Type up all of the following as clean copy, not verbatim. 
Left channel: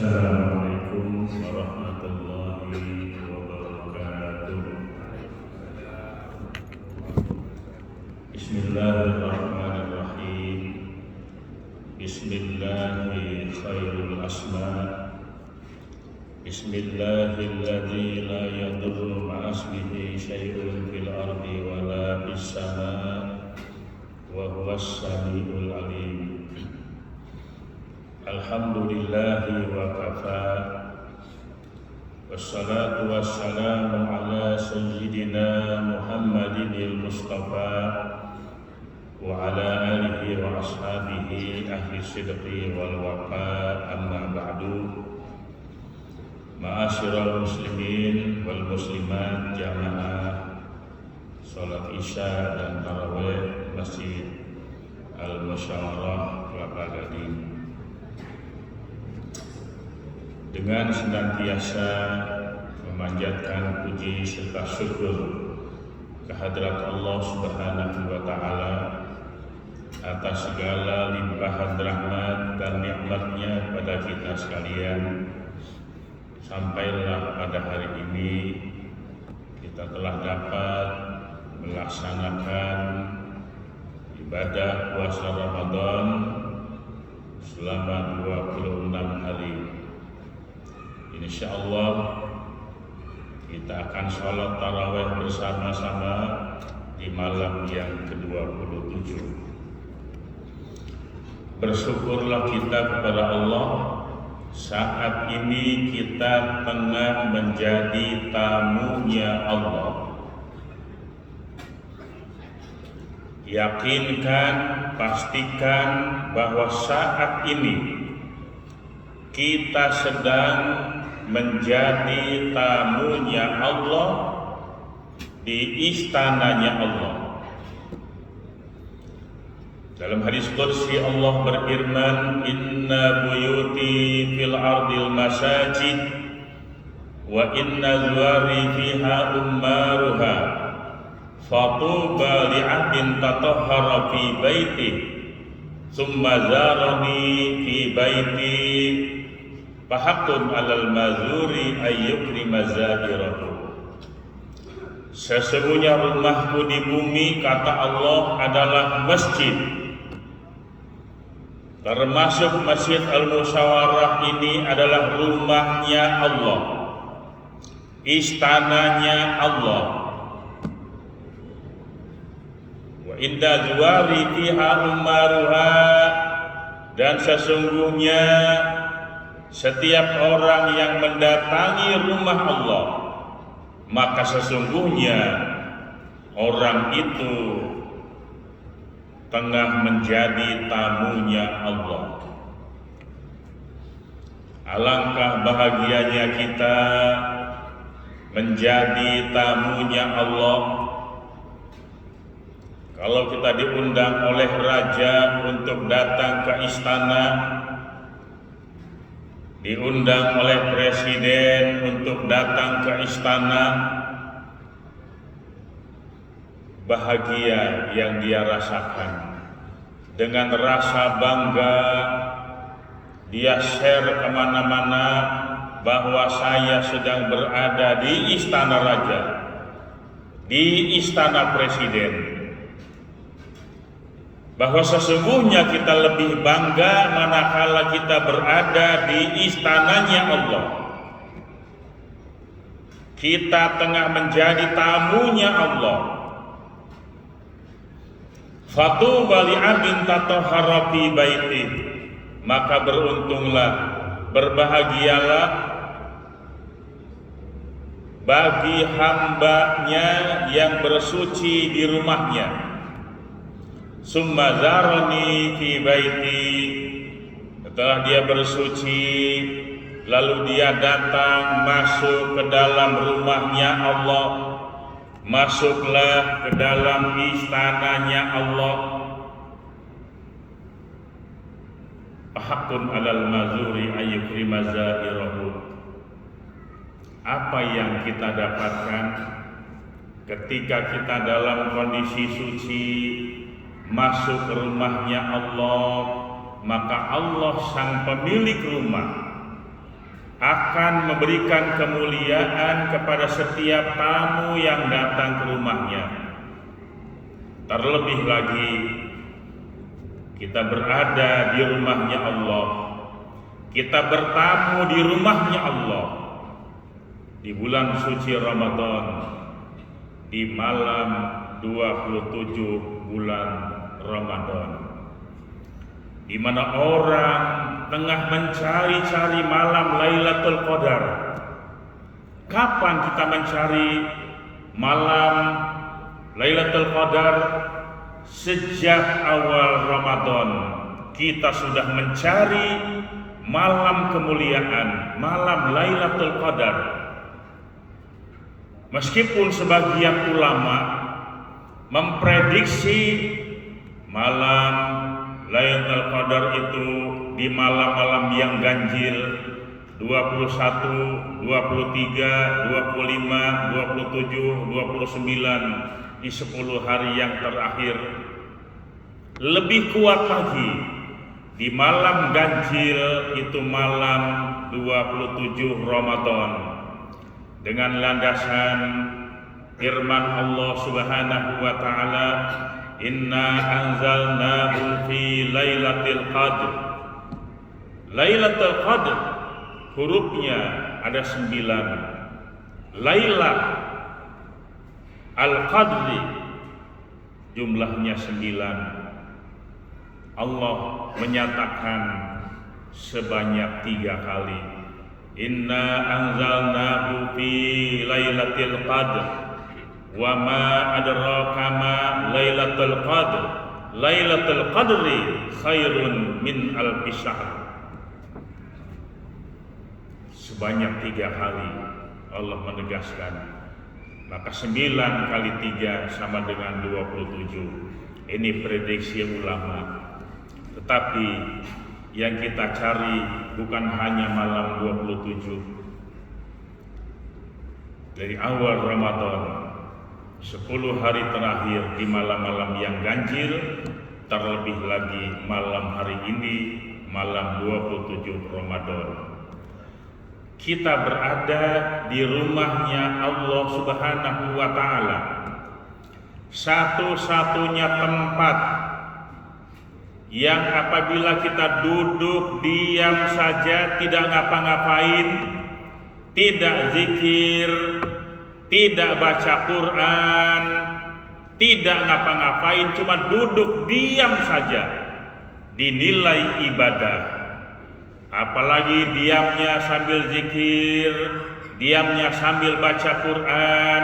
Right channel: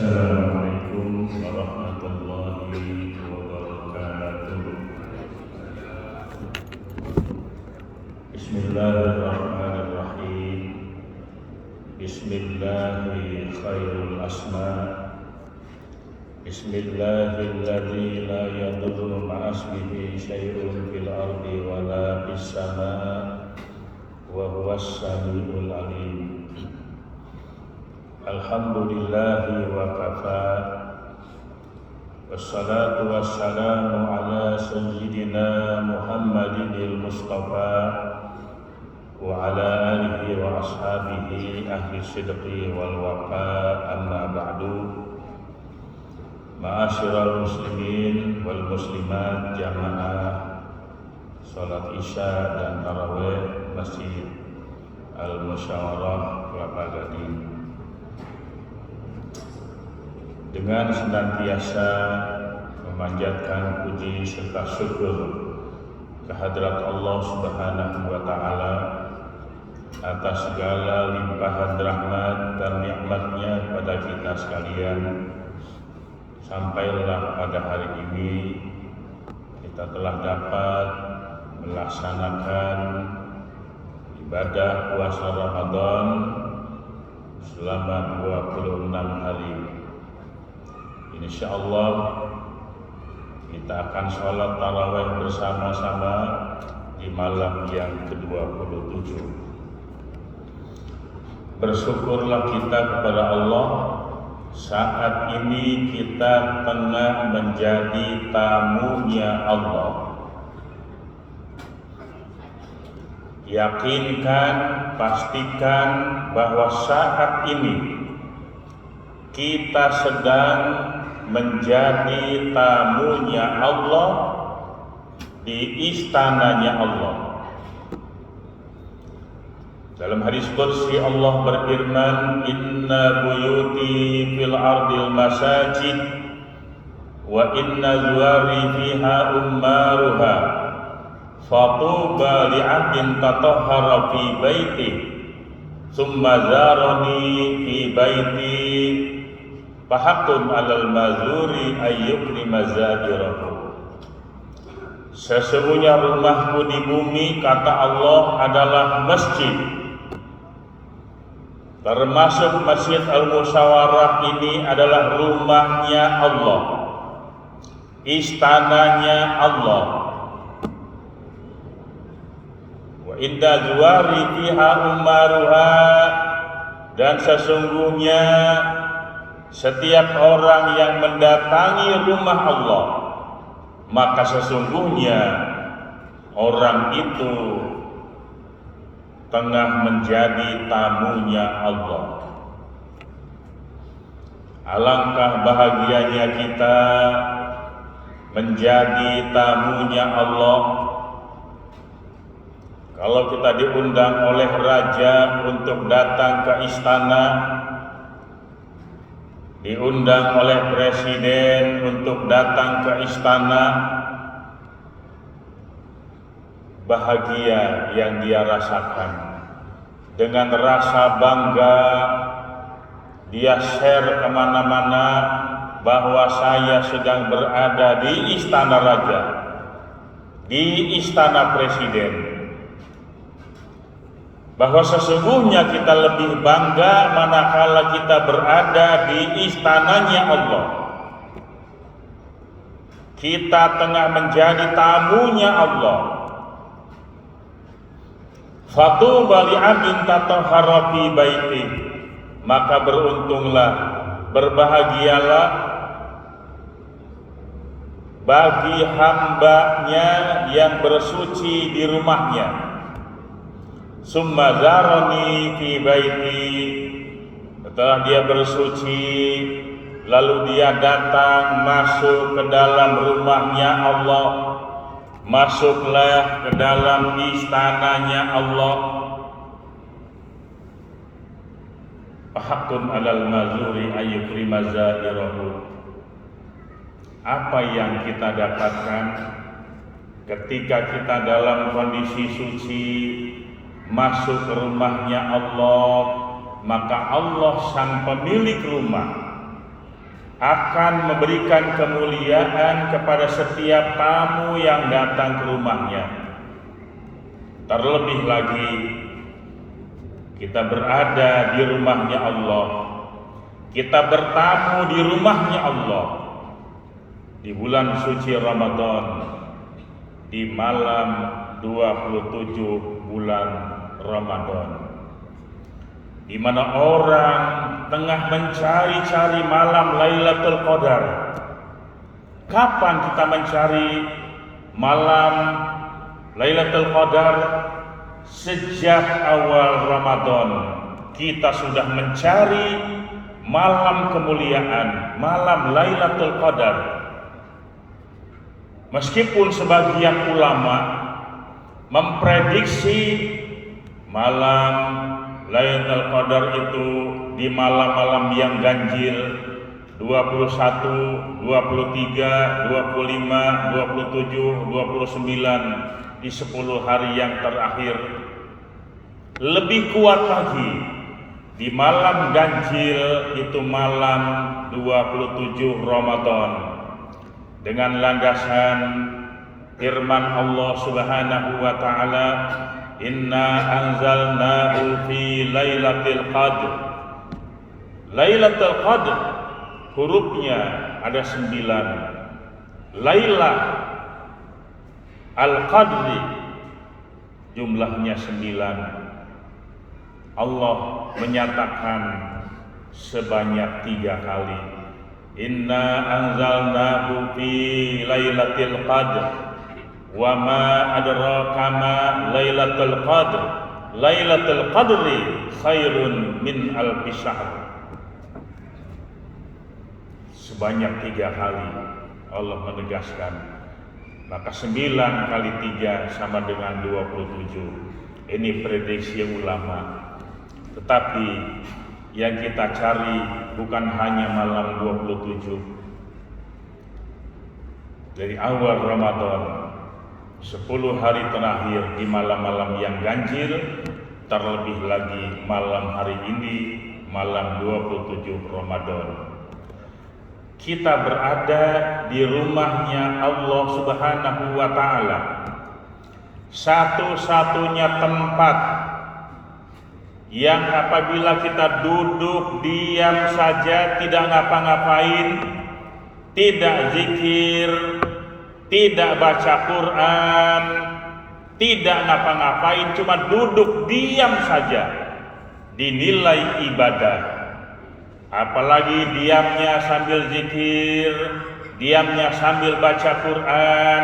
Assalamualaikum warahmatullahi wabarakatuh. Bismillahirrahmanirrahim. Bismillahi khairul asma'. Bismillahilladzi la yadurru ma'asmihi syai'un fil ardi wa la fis sama' wa huwas samiul alim. Alhamdulillahi wa kafa. Wassalatu wassalamu ala sayyidina Muhammadin Mustafa wa ala alihi wa ashabihi ahli sidqi wal wafa, amma ba'du. Ma'asyiral muslimin wal muslimat jamaah salat isya dan tarawih Masjid Al-Musyawarah Kelapa Gading. Dengan senantiasa memanjatkan puji serta syukur kehadrat Allah Subhanahu wa Ta'ala atas segala limpahan rahmat dan nikmatnya pada kita sekalian, sampailah pada hari ini kita telah dapat melaksanakan ibadah puasa Ramadan selama 26 hari. InsyaAllah kita akan sholat tarawih bersama-sama di malam yang ke-27. Bersyukurlah kita kepada Allah saat ini kita tengah menjadi tamunya Allah. Yakinkan, pastikan bahwa saat ini kita sedang menjadi tamunya Allah di istananya Allah. Dalam hadis qudsi Allah berfirman, "Inna buyuti fil ardil masajid wa inna zuwari fiha ummaruha fatuba li'abdin tatahhara fi baiti thumma zarani fi baiti fahaqqun 'alal mazuri ayyukrima zadirahu." Sesungguhnya rumahku di bumi, kata Allah, adalah masjid. Termasuk Masjid Al-Musyawarah ini adalah rumahnya Allah, istananya Allah. Wa inda zuwari fiha ummaruha, dan sesungguhnya setiap orang yang mendatangi rumah Allah, maka sesungguhnya orang itu tengah menjadi tamunya Allah. Alangkah bahagianya kita menjadi tamunya Allah. Kalau kita diundang oleh raja untuk datang ke istana, diundang oleh presiden untuk datang ke istana, bahagia yang dia rasakan. Dengan rasa bangga dia share kemana-mana bahwa saya sedang berada di istana raja, di istana presiden. Bahwa sesungguhnya kita lebih bangga manakala kita berada di istananya Allah. Kita tengah menjadi tamunya Allah. Fatuba li'abdin tatahhara fi baiti, maka beruntunglah, berbahagialah bagi hambanya yang bersuci di rumahnya. Summa zarani fi baiti, setelah dia bersuci lalu dia datang masuk ke dalam rumahnya Allah, masuklah ke dalam istananya Allah. Fahaqqun 'alal mazuri ayyukrima zadirahu. Apa yang kita dapatkan ketika kita dalam kondisi suci masuk ke rumahnya Allah, maka Allah sang pemilik rumah akan memberikan kemuliaan kepada setiap tamu yang datang ke rumahnya. Terlebih lagi kita berada di rumahnya Allah, kita bertamu di rumahnya Allah di bulan suci Ramadan, di malam 27 bulan Ramadan, di mana orang tengah mencari-cari malam Lailatul Qadar. Kapan kita mencari malam Lailatul Qadar? Sejak awal Ramadan kita sudah mencari malam kemuliaan, malam Lailatul Qadar. Meskipun sebagian ulama memprediksi malam Lailatul Qadar itu di malam-malam yang ganjil 21, 23, 25, 27, 29 di 10 hari yang terakhir. Lebih kuat lagi di malam ganjil itu malam 27 Ramadan dengan landasan firman Allah Subhanahu wa taala, inna anzalnahu fi lailatul qadr. Lailatul qadr hurufnya ada 9. Laila al-qadri jumlahnya 9. Allah menyatakan sebanyak 3 kali. Inna anzalnahu fi lailatul qadr wa ma adraka ma lailatul qadr. Lailatul qadri khairun min alfi syahr. Sebanyak 3 kali Allah menegaskan. Maka 9 kali 3 sama dengan 27. Ini prediksi ulama. Tetapi yang kita cari bukan hanya malam 27. Dari awal Ramadan 10 hari terakhir di malam-malam yang ganjil, terlebih lagi malam hari ini, malam 27 Ramadan. Kita berada di rumahnya Allah Subhanahu wa taala. Satu-satunya tempat yang apabila kita duduk diam saja, tidak ngapa-ngapain, tidak zikir, tidak baca Quran, tidak ngapa-ngapain, cuma duduk diam saja, dinilai ibadah. Apalagi diamnya sambil zikir, diamnya sambil baca Quran,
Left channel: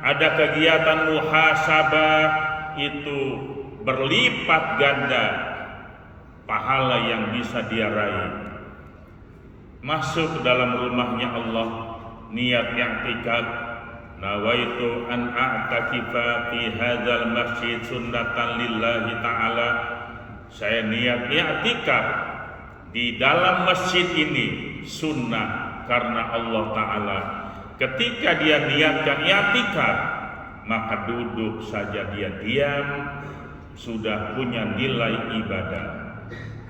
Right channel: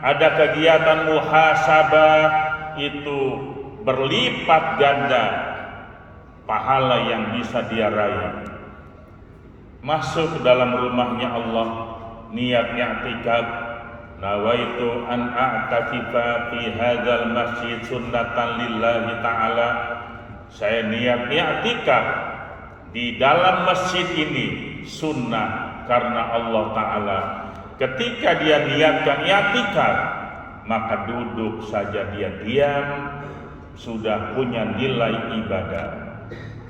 ada kegiatan muhasabah, itu berlipat ganda pahala yang bisa dia raih. Masuk dalam rumahnya Allah, niat i'tikaf, nawaitu an a'takifa fi hadzal masjid sunnatan lillahi ta'ala. Saya niat i'tikaf di dalam masjid ini sunnah karena Allah Ta'ala. Ketika dia niatkan i'tikaf, maka duduk saja dia diam, sudah punya nilai ibadah,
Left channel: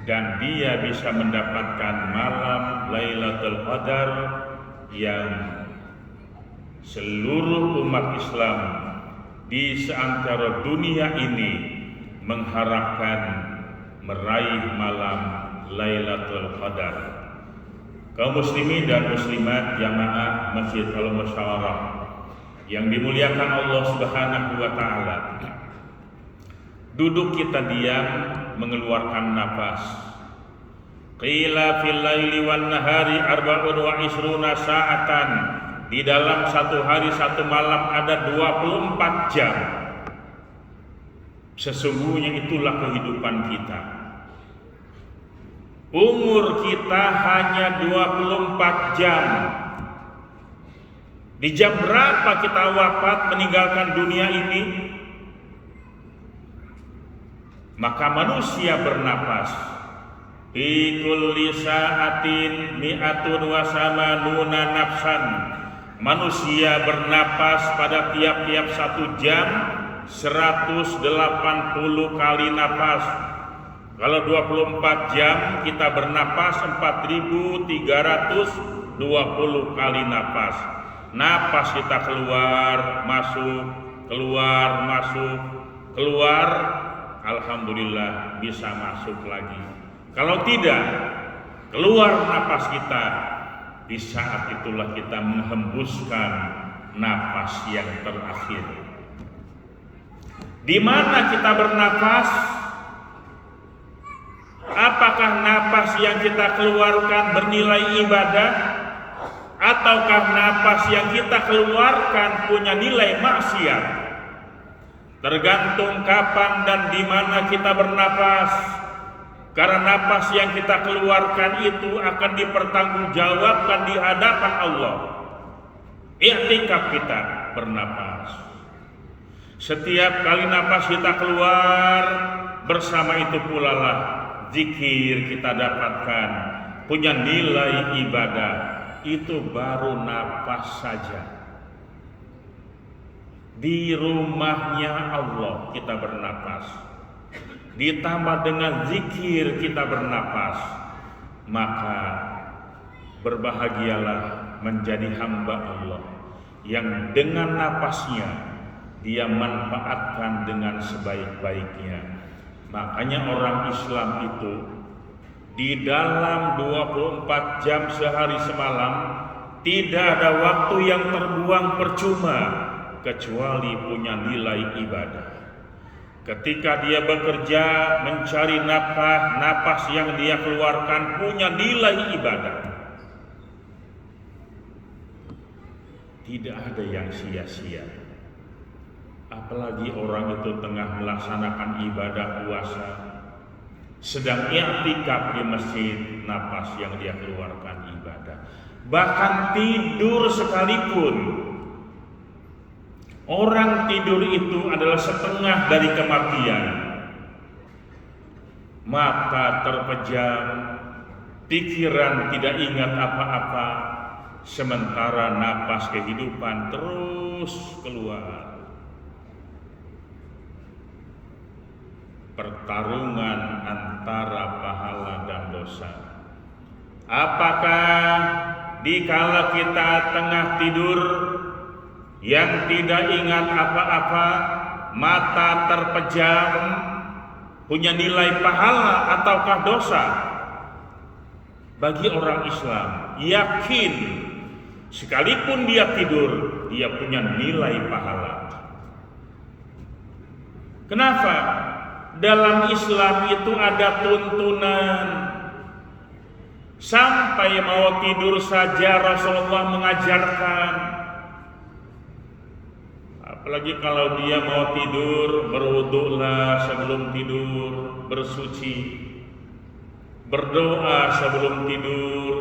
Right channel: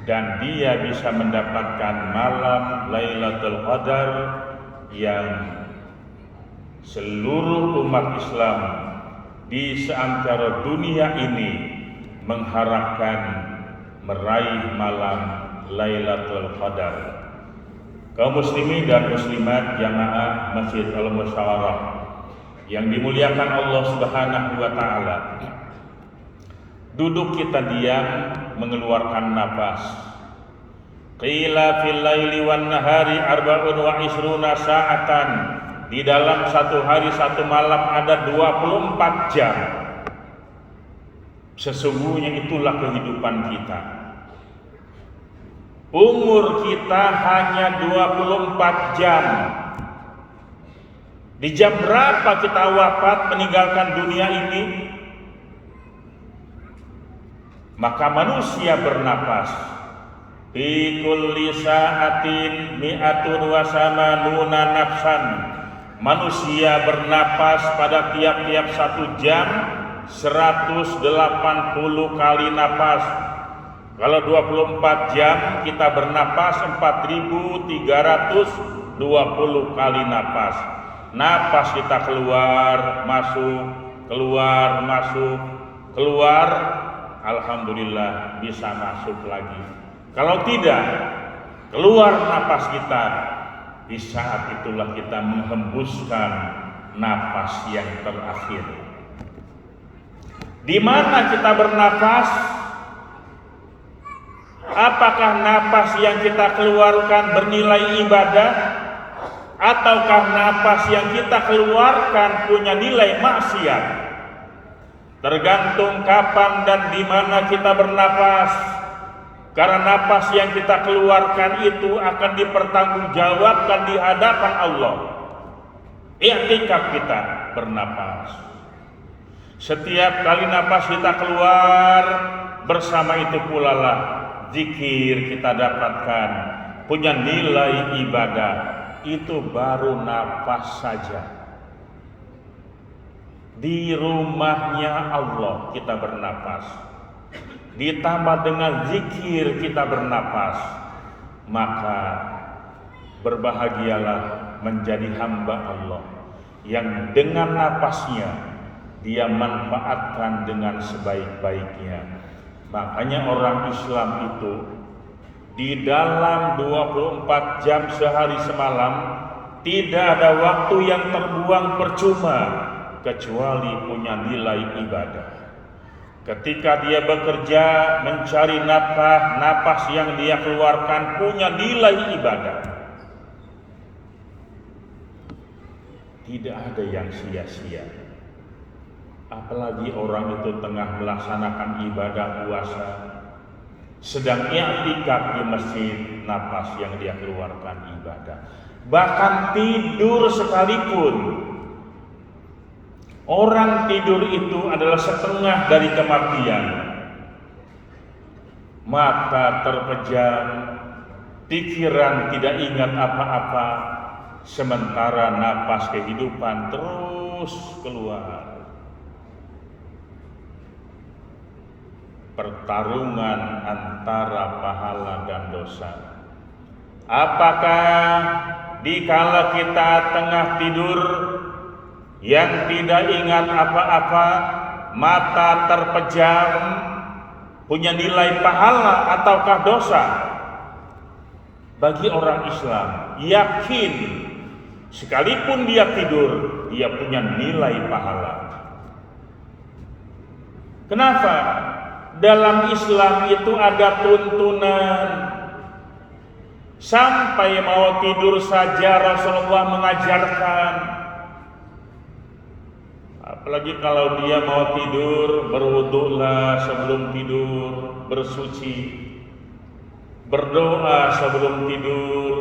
dan dia bisa mendapatkan malam Lailatul Qadar yang seluruh umat Islam di seantero dunia ini mengharapkan meraih malam Lailatul Qadar. Kaum muslimin dan muslimat jamaah Masjid Al-Musyawarah yang dimuliakan Allah Subhanahu wa taala. Duduk kita diam mengeluarkan nafas. Qila fil laili wan nahari arba'un wa isruna sa'atan. Di dalam satu hari satu malam ada 24 jam. Sesungguhnya itulah kehidupan kita. Umur kita hanya 24 jam. Di jam berapa kita wafat meninggalkan dunia ini? Maka manusia bernapas. Fi kulli sa'atin mi'atun wa samanuna nafsan. Manusia bernapas pada tiap-tiap 1 jam 180 kali napas. Kalau 24 jam kita bernapas 4.365 20 kali napas. Napas kita keluar, masuk, keluar, masuk, keluar, alhamdulillah bisa masuk lagi. Kalau tidak, keluar napas kita, di saat itulah kita menghembuskan napas yang terakhir. Di mana kita bernapas? Apakah napas yang kita keluarkan bernilai ibadah? Ataukah napas yang kita keluarkan punya nilai maksiat? Tergantung kapan dan di mana kita bernapas. Karena napas yang kita keluarkan itu akan dipertanggungjawabkan di hadapan Allah. I'tikaf kita bernapas. Setiap kali napas kita keluar, bersama itu pula lah zikir kita dapatkan, punya nilai ibadah. Itu baru napas saja. Di rumahnya Allah kita bernapas, ditambah dengan zikir kita bernapas, maka berbahagialah menjadi hamba Allah yang dengan napasnya dia manfaatkan dengan sebaik-baiknya. Makanya orang Islam itu di dalam 24 jam sehari semalam tidak ada waktu yang terbuang percuma kecuali punya nilai ibadah. Ketika dia bekerja mencari nafkah, napas yang dia keluarkan punya nilai ibadah. Tidak ada yang sia-sia. Apalagi orang itu tengah melaksanakan ibadah puasa, sedang i'tikaf di masjid, napas yang dia keluarkan ibadah. Bahkan tidur sekalipun, orang tidur itu adalah setengah dari kematian. Mata terpejam, pikiran tidak ingat apa-apa, sementara napas kehidupan terus keluar. Pertarungan antara pahala dan dosa. Apakah dikala kita tengah tidur yang tidak ingat apa-apa, mata terpejam, punya nilai pahala ataukah dosa? Bagi orang Islam yakin sekalipun dia tidur, dia punya nilai pahala. Kenapa? Dalam Islam itu ada tuntunan. Sampai mau tidur saja Rasulullah mengajarkan. Apalagi kalau dia mau tidur, berwudulah sebelum tidur, bersuci, berdoa sebelum tidur,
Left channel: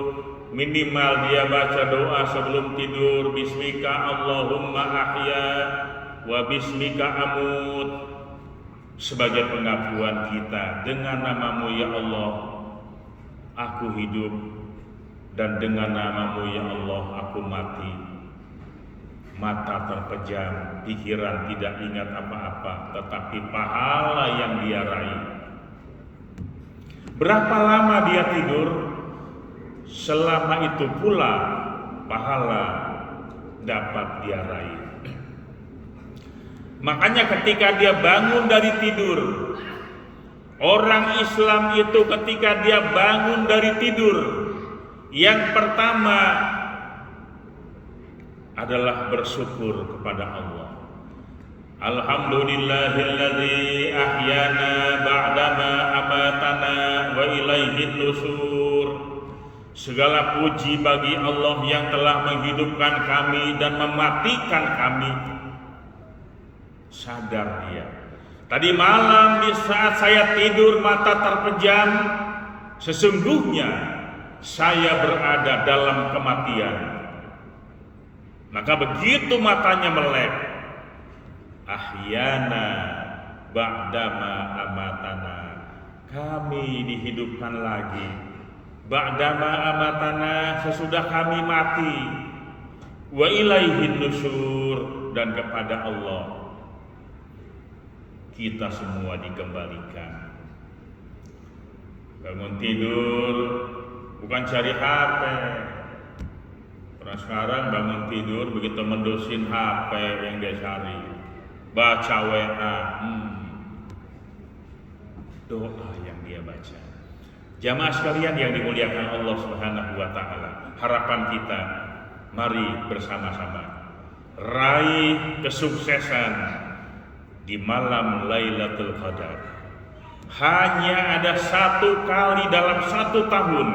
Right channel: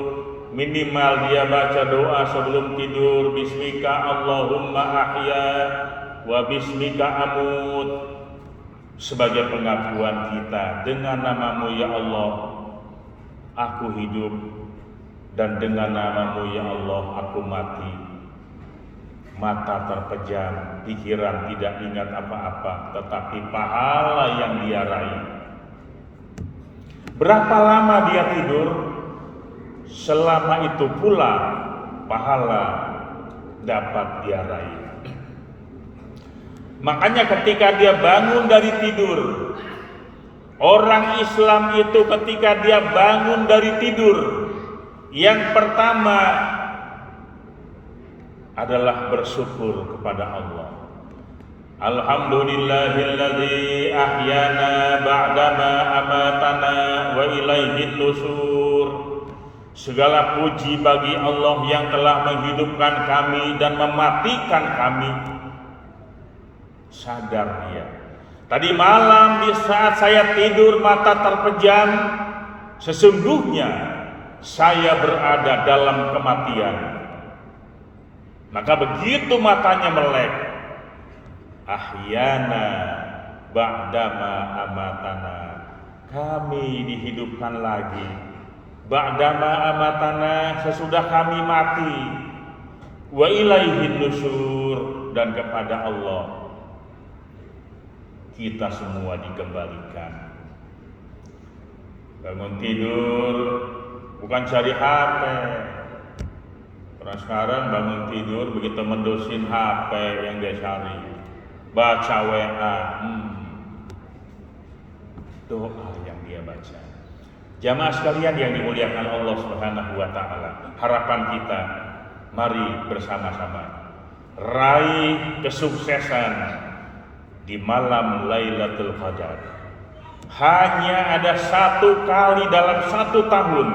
minimal dia baca doa sebelum tidur, bismika Allahumma ahya wa bismika amut, sebagai pengakuan kita, dengan namamu ya Allah aku hidup, dan dengan namamu ya Allah aku mati. Mata terpejam, pikiran tidak ingat apa-apa, tetapi pahala yang dia raih. Berapa lama dia tidur? Selama itu pula pahala dapat dia raih. Makanya ketika dia bangun dari tidur, orang Islam itu ketika dia bangun dari tidur, yang pertama adalah bersyukur kepada Allah. Alhamdulillahilladzi ahyana ba'dama amatana wa ilaihin nusur. Segala puji bagi Allah yang telah menghidupkan kami dan mematikan kami. Sadar dia, tadi malam di saat saya tidur mata terpejam, sesungguhnya saya berada dalam kematian. Maka begitu matanya melek, ahyana ba'dama amatana, kami dihidupkan lagi. Ba'dama amatana, sesudah kami mati. Wa ilaihin nusur, dan kepada Allah kita semua dikembalikan. Bangun tidur bukan cari HP, Nah, sekarang bangun tidur begitu mendusin HP yang dia cari, baca WA, doa yang dia baca. Jamaah sekalian yang dimuliakan Allah Subhanahu wa taala, harapan kita mari bersama-sama raih kesuksesan di malam Lailatul Qadar. Hanya ada satu kali dalam satu tahun,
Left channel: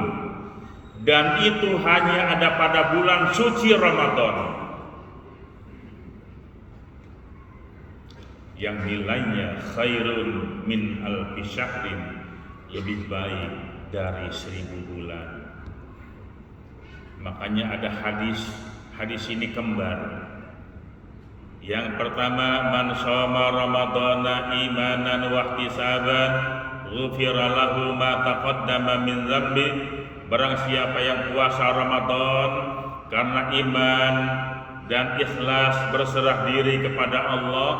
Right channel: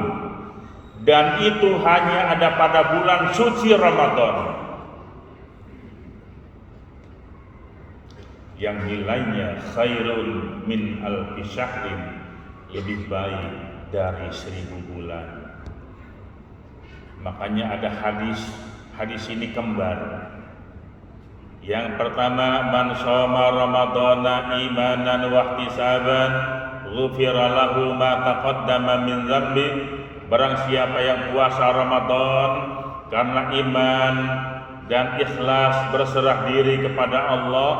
dan itu hanya ada pada bulan suci Ramadan, yang nilainya khairun min alfi syahrin, lebih baik dari 1000 bulan. Makanya ada hadis ini kembar. Yang pertama, man shoma ramadhana imanan wa ihtisaban ghufira lahu ma taqaddama min dzambi. Barang siapa yang puasa Ramadan karena iman dan ikhlas berserah diri kepada Allah,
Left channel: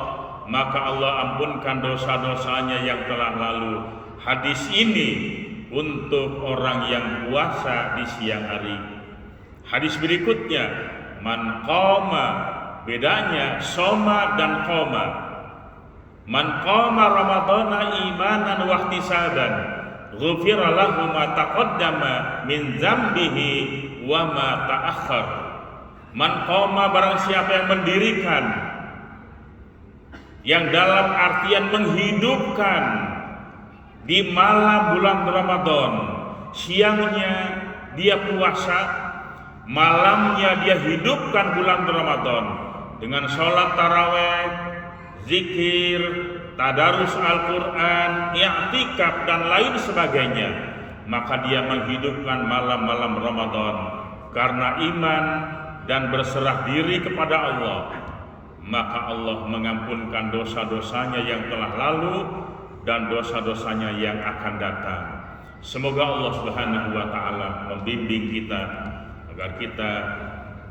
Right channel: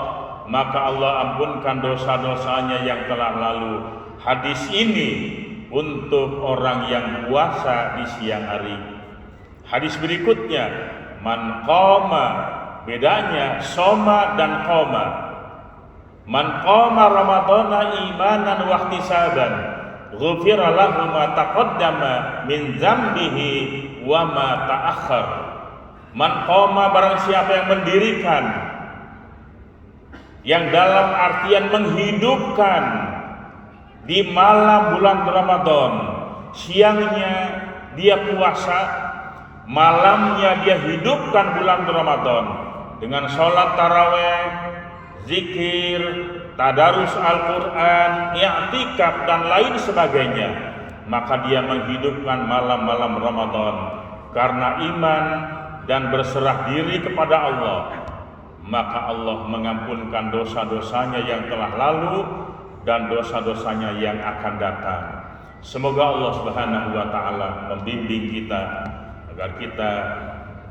maka Allah ampunkan dosa-dosanya yang telah lalu. Hadis ini untuk orang yang puasa di siang hari. Hadis berikutnya, man qama, bedanya soma dan qoma. Man qama ramadhana imanan wa ihtisaban ghufira lahu ma taqaddama min dzambihi wa ma ta'akhkhar. Man qama, barang siapa yang mendirikan, yang dalam artian menghidupkan di malam bulan Ramadan, siangnya dia puasa, malamnya dia hidupkan bulan Ramadan dengan sholat taraweh, zikir, tadarus Al-Quran, i'tikaf dan lain sebagainya, maka dia menghidupkan malam-malam Ramadan karena iman dan berserah diri kepada Allah, maka Allah mengampunkan dosa-dosanya yang telah lalu dan dosa-dosanya yang akan datang. Semoga Allah Subhanahu wa taala membimbing kita agar kita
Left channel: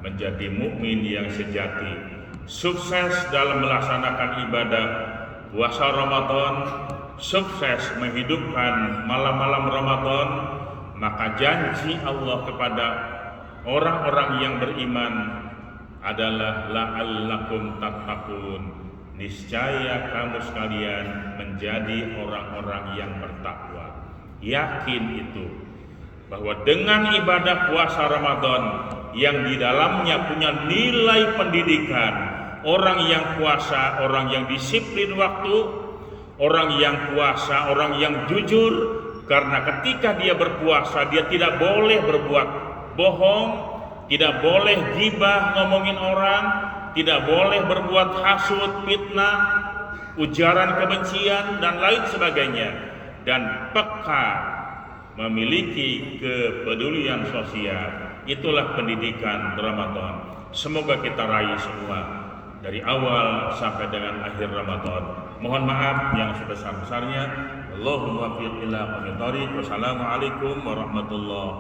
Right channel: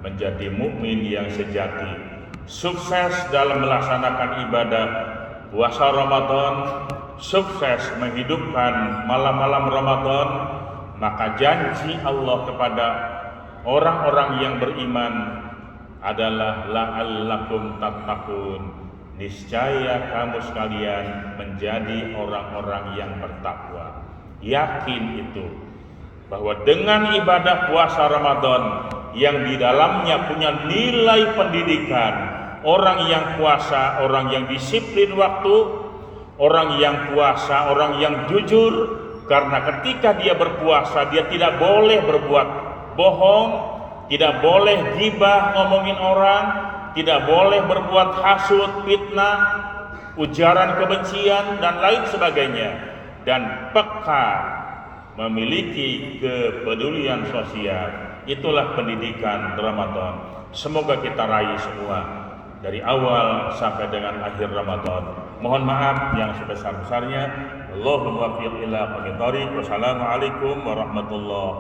menjadi mukmin yang sejati, sukses dalam melaksanakan ibadah puasa Ramadan, sukses menghidupkan malam-malam Ramadan. Maka janji Allah kepada orang-orang yang beriman adalah la'allakum tattaqun, niscaya kamu sekalian menjadi orang-orang yang bertakwa. Yakin itu bahwa dengan ibadah puasa Ramadan yang di dalamnya punya nilai pendidikan, orang yang puasa, orang yang disiplin waktu, orang yang puasa, orang yang jujur, karena ketika dia berpuasa dia tidak boleh berbuat bohong, tidak boleh ghibah ngomongin orang, tidak boleh berbuat hasud, fitnah, ujaran kebencian dan lain sebagainya, dan peka memiliki kepedulian sosial. Itulah pendidikan Ramadan. Semoga kita raih semua dari awal sampai dengan akhir Ramadan. Mohon maaf yang sebesar-besarnya. Allahumma waffiq ila aqwamit thoriq. Wassalamualaikum warahmatullahi